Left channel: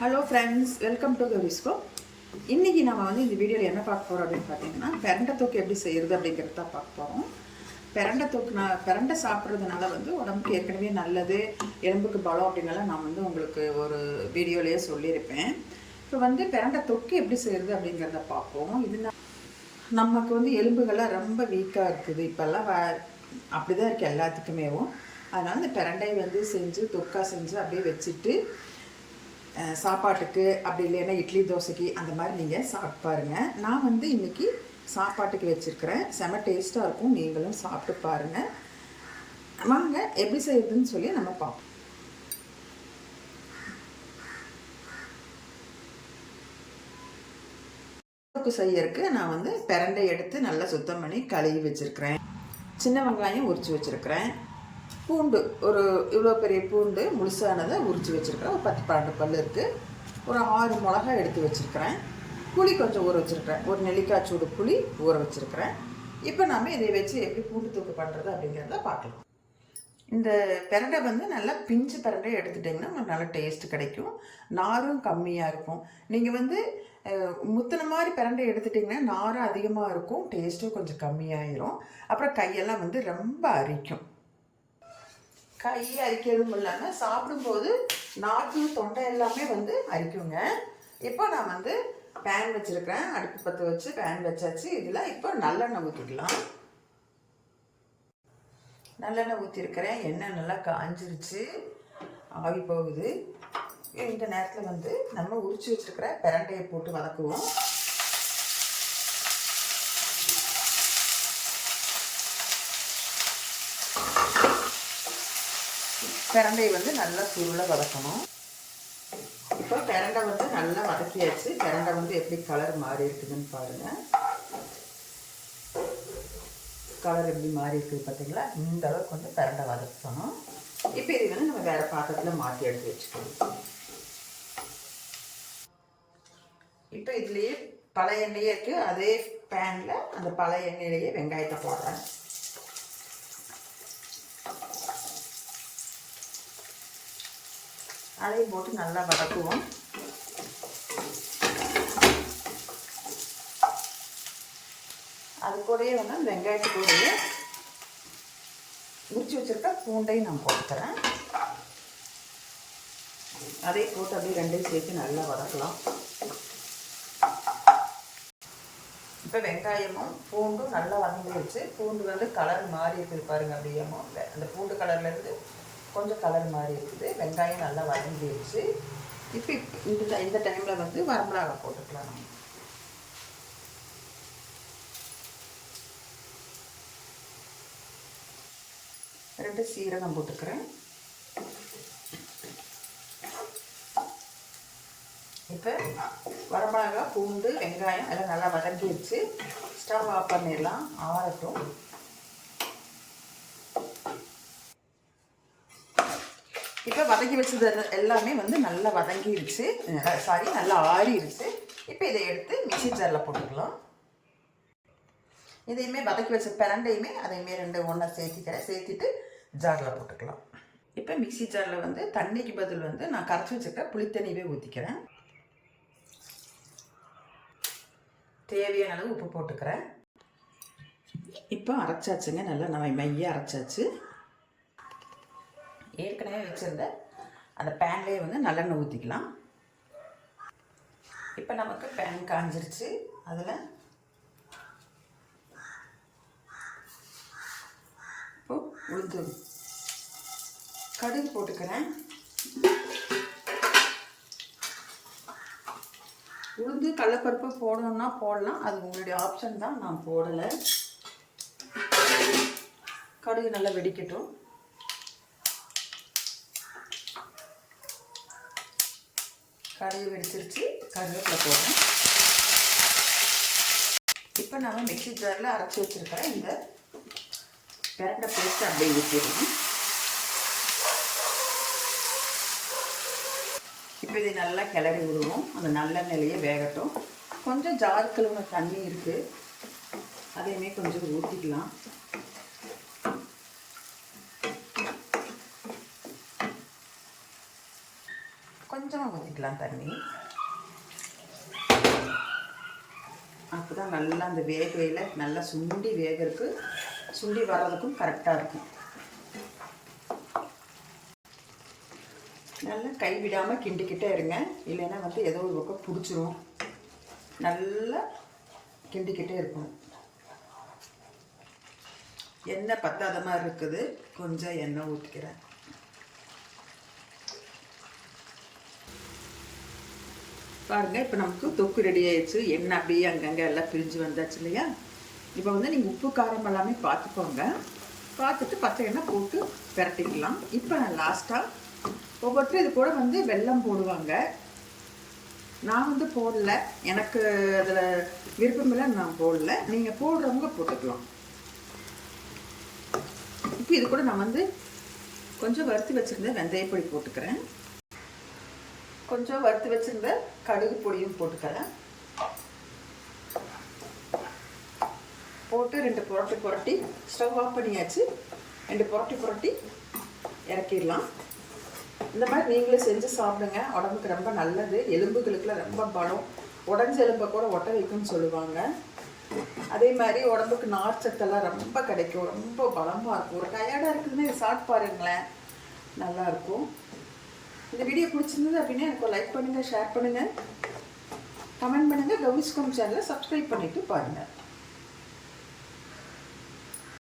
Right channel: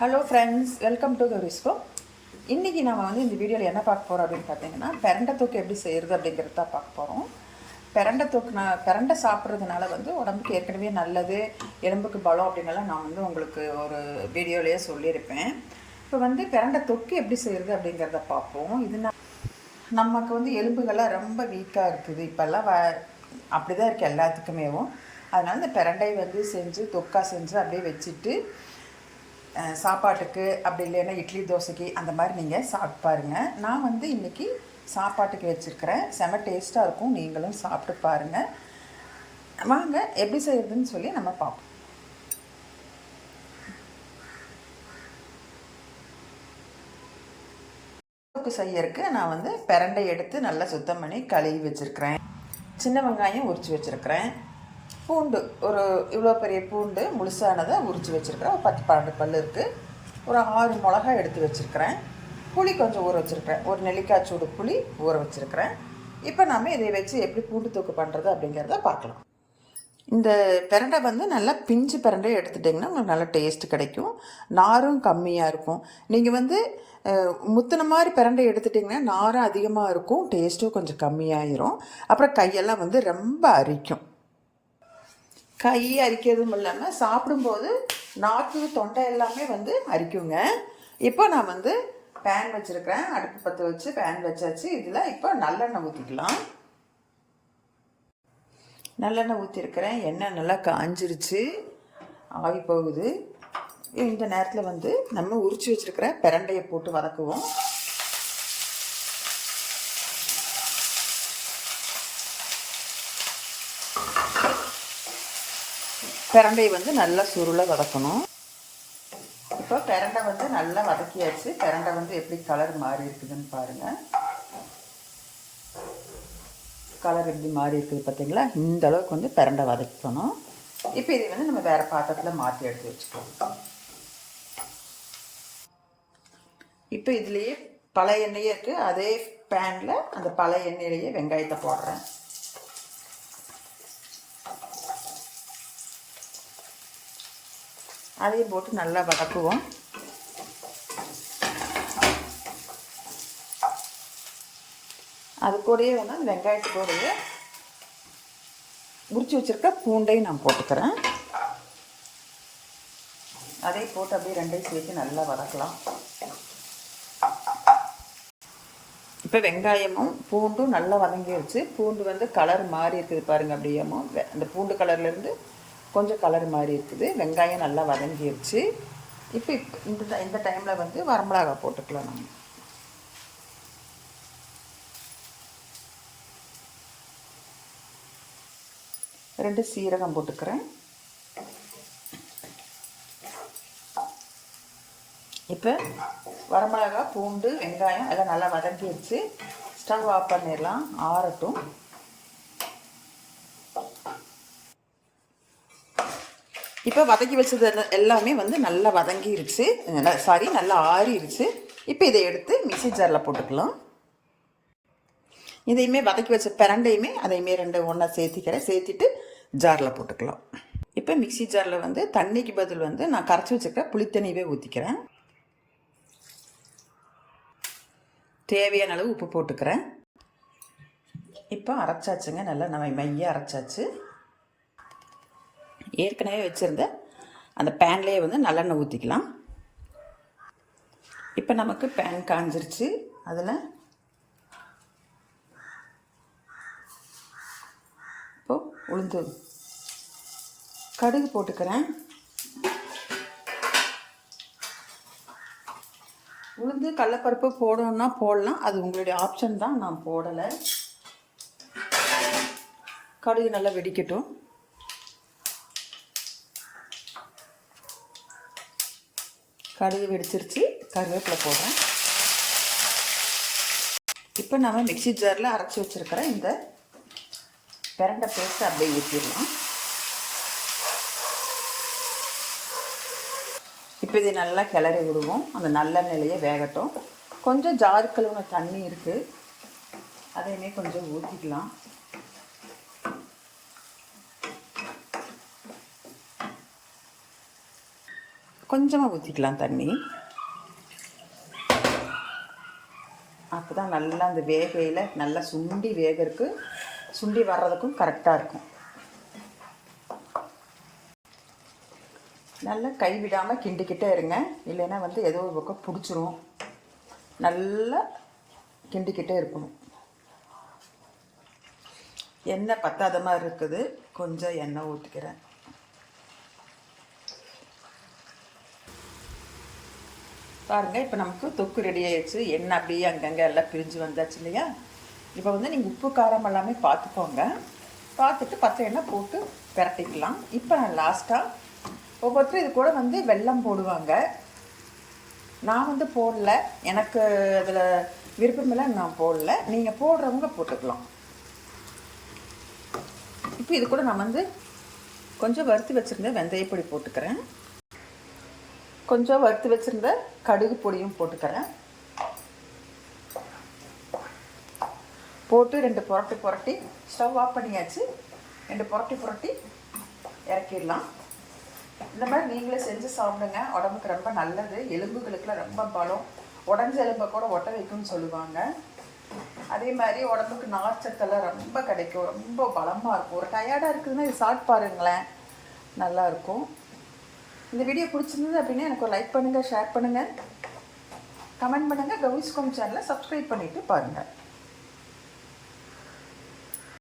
Hello friends, welcome to Gowrisko. இன்றைக்கி நம்ம இந்த வீடியோவில் என்ன பார்க்க போகிறோம் அப்படின்னு பார்த்தீங்கன்னா, பிரண்டை தொக்கு எப்படி செய்கிறது அப்படிங்கிறது தான் பார்க்க போகிறோம். பிரண்டை சாப்பிட்றதுனால உடம்புக்கு ஏற்கனவே நல்லது, எலும்புக்கு பலம் அப்படின்னலாம் நான் உங்களுக்கு ஒரு வீடியோலேயே சொல்லியிருப்பேன். இப்போ பிரண்டை தொக்கு எப்படி செய்கிறது அப்படிங்கிறத பார்ப்போம். இது நமக்கு எலும்புகள்லாம் ரொம்ப வீக்காக இருக்குது இப்போல்லாம், அப்படி தான் இருக்குது எல்லாத்துக்குமேவும். அதனால் இந்த பிரண்டை செஞ்சு தொக்கா செஞ்சு அப்படியே வச்சுட்டு சாப்பாட்டுக்கு அப்படி இல்லைன்னா இட்லி தோசைக்கு அந்த மாதிரி நீங்கள் சாப்பிட்டு பாருங்கள். நான் இன்றைக்கி சாப்பாட்டுக்கு வச்சுருக்கிறேன். செம டேஸ்ட்டாக இருக்கும், நீங்களும் சாப்பிட்டு பாருங்கள். வாங்க எப்படி செய்யுதுன்னு சொல்லி நம்ம பார்ப்போம். தொக்கு செய்யறதுக்கு நான் பிரண்டை எடுத்து நல்லா சுத்தம் பண்ணி கழுவி வச்சுருக்கிறேன். சின்ன வெங்காயம் உரித்து வச்சுருக்கிறேன். பூண்டு ஒரு இவ்வளோ பெரிய பூண்டு முழுசானதை உரித்து வச்சுருக்கிறேன். ஒரு 10-12 பல் இருக்குது. ஒரு 6 மிளகா எடுத்து வச்சுருக்கிறேன். புளி கொஞ்சம் ஊற வச்சுருக்கிறேன். ஒரு நெல்லிக்காய் சூடு புளி ஊற வச்சுருக்கிறேன். இப்போ நாம் இதை வச்சு எப்படி பூண்டு தூக்கு பண்ணுறது அப்படிங்கிறத பார்க்கலாம். இந்த பிரண்டை நல்லா பிஞ்சு பிரண்டை எடுத்துட்டிங்கன்னா உங்களுக்கு நல்ல டேஸ்ட்டு கிடைக்கும். நாரும் கம்மியாக இருக்கும். நீங்கள் முத்தின மாதிரி பிரண்டை எடுத்துட்டிங்கன்னா நாரும் அதிகமாக இருக்கும், டேஸ்ட்டும் கொஞ்சம் கம்மியாயிரும். அப்புறம் கையெல்லாம் ரொம்ப அரிக்கும். கை அரிக்கிறதும் இல்லாமல் சாப்பிடும்போது நாக்கு தொண்டை எல்லாமே அரிக்குங்க. இப்போ நான் பேன் வச்சுருக்கிறேன். அடுப்பு பற்ற வச்சு பேன் வச்சாச்சு. இதில் இப்போ நல்லெண்ணெய் ஊற்றிக்கலாம். நல்லெண்ணெய் ஊற்றிருக்கிறேன். எண்ணெய் நல்லா காஞ்சிருச்சு, ஆவி போகுது. இந்த நேரத்தில் நம்ம உரிச்சு வச்சுருக்கிற பிரண்டையை போட்டு வதக்குவோம். பிரண்டை நல்லா சுருளை வதக்கணும். இப்போ பிரண்டை நல்லா வதக்கியாச்சு. பிரண்டை எப்படி கலர் மாறி இருக்குதுன்னு பாருங்கள். கலர் எப்படி மாறி இருக்குது பார்த்தீங்களா? இந்த அளவுக்கு பிரண்டை வதக்கணும். இப்போ இது நம்ம வேறு பாத்திரத்தில் மாற்றி எடுத்து வச்சுக்கணும். இப்போ இதுலேயே பழைய எண்ணெயே இருக்குது. அதே பேனில் அந்த பழைய எண்ணெயிலேயே வெங்காயத்தை போடுறேன். அதையும் போட்டு நல்லா வதக்குவோம். அது கூடயே வெங்காயத்துக்கூடயே உரிச்சு வச்சுருக்க பூண்டையும் நான் போட்டுக்கிறேன். அதை போட்டு அப்படியே ரெண்டையும் சேர்த்து நல்லா வதக்கலாம். இப்போ வெங்காயமும் பூண்டும் நல்லா வதங்கிடுச்சு. பூண்டு கலர் மாறி இருக்குது பாருங்கள். அப்படியே அந்த பூண்டு கலர்லேருந்து கொஞ்சம் கலர் மாறி இருக்குது. வெங்காயம் நல்லா வதங்கிடுச்சு. இப்போ இந்த டைமில் வரமிளகா போட்டுக்கலாம். நம்ம ரெண்டு சீரகம் போட்டுக்கிறேன். இப்போ வரமிளகா பூண்டு வெங்காயம் எல்லாம் நல்லா வதங்கிடுச்சு. ஸ்டவ் ஆஃப் பண்ணிடலாம், ஆறட்டும். இப்போ வதக்கி வச்சது எல்லாமே நல்லா வதங்கிருச்சு, நல்லா ஆறிடுச்சு. இப்போ இதை எடுத்து மிக்ஸி ஜாரில் போட்டுக்கலாம். இதையுமே வதக்கி வச்ச பிரண்டையுமே அதையுமே ரெண்டு ஒன்றா சேர்த்திட்டு ஜாரில் போட்டுக்கலாம். இப்போ மிக்ஸி ஜாரில் தண்ணிக்கு பதில் நான் கரைச்சி வச்சுருக்க புளித்தண்ணியவே ஊற்றிக்கிறேன். தேவையான அளவு உப்பு போட்டுக்கிறேன். இப்போ அரைச்சாச்சுங்க, நல்லா மையாக அரைச்சாச்சு. ஏற்கனவே வச்சுருந்த அந்த பேன்லேயே நல்லெண்ணெய் ஊற்றிக்கலாம். இப்போ நமக்கு பேன் காஞ்சிருச்சு. அதில் இப்போது உளுந்து கடுகு போட்டுக்கிறேன். உளுந்து கடலைப்பருப்பு போடணுன்னா போடலாம், அது உங்களுடைய ஆப்ஷன் தான். நான் போடலை. கடுகு நல்லா வெடிக்கட்டும். கடுகு வெடிச்சிருச்சு, கருவேப்பிலை போடுறேன். இப்போ நம்ம மிக்ஸி ஜாரில் அரைச்சி வச்சுருக்கிற இந்த பிரண்டை பேஸ்ட் அப்படியே ஊற்றிடலாம். இப்போ இதை நல்லா கிளறி விடுவோம். அந்த நல்லெண்ணெயிலேயே வேகட்டும். கொஞ்சம் ஜார் கழுவுன தண்ணி இருக்குது, அதையுமே கொஞ்சம் ஊற்றிக்கலாம். கொஞ்சமாக ஊற்றிக்கலாம் தண்ணி. அப்போ தான் நல்லா அந்த வேகையில் நல்லா சுண்டி வேகிறதுக்கு சுண்டி வர்றதுக்கும் கரெக்டாக இருக்கும். நல்லா கைவிடாமல் கிண்டிக்கிட்டே இருங்க, இல்லைன்னா வந்து ஏதோ ஒரு பக்கம் பிடிச்சிரும். நல்லா கிண்டிக்கிட்டே இருக்கணும். எண்ணெய் பத்தாத மாதிரி இருக்குது, கொஞ்சம் எண்ணெய் ஊற்றிக்கிறேன். பாருங்கள், இப்போ நமக்கு தொக்கு ரெடி ஆயிடுச்சு. எண்ணெய் அப்படியே அங்கங்கே எல்லாம் பிரிஞ்சு வந்தாச்சு இல்லையா? இப்போ வந்து நீங்கள் உப்பு காரம் எல்லாமே பார்த்துக்கோங்க. பார்த்துட்டு பச்சை எண்ணெய் போட்டு பிரட்டிக்கலாம். இப்போ லாஸ்ட்டாக ஒவ்வொருத்தரும் இது கூட வந்து வெல்லம் போடுவாங்க. நான் வந்து போடல, எனக்கு அதில் விருப்பமில்லை, நான் போடல. நீங்கள் போடுறவங்க போட்டுக்கலாம். இப்போ இது கூட நான் வந்து கொஞ்சம் வறுத்து வச்சுருந்த வெந்தயப்பொடி போட்டுக்கிறேன். கொஞ்சம் வறுத்து வச்சுருந்த கடுகு பொடியும் போட்டுக்கிறேன். போட்டு 2 புரட்டி ஸ்டவ் ஆஃப் பண்ணியாச்சு. 2 புரட்டி இறக்கிடலாம். இந்த மாதிரி நீங்களே செஞ்சு சாப்பிடுங்க, உடம்புக்கு ரொம்ப நல்லது. எலும்புகளுக்குலாம் ரொம்ப பலம், உடஞ்ச எலும்பை கூட ஒட்ட வைக்கும்னு சொல்லுவாங்க. அதே மாதிரி உடம்புக்கு நார்ச்சத்தெல்லாம் ரொம்ப கிடைக்கும், ரொம்ப பலமாக இருக்கும். ஒரு டயர்டாக இருக்குதுன்னா இது சாப்பிட்டு பாருங்களேன், நல்லாயிருக்கும். இந்த வீடியோ பிடிச்சிருந்தது அப்படின்னா எனக்கு ஒரு லைக் பண்ணுங்கள், ஷேர் பண்ணுங்கள், கமெண்ட் பண்ணுங்கள். கௌரிஸ் ஹோம் சேனலை சப்ஸ்கிரைப் பண்ணிவிட்டு பாருங்கள்.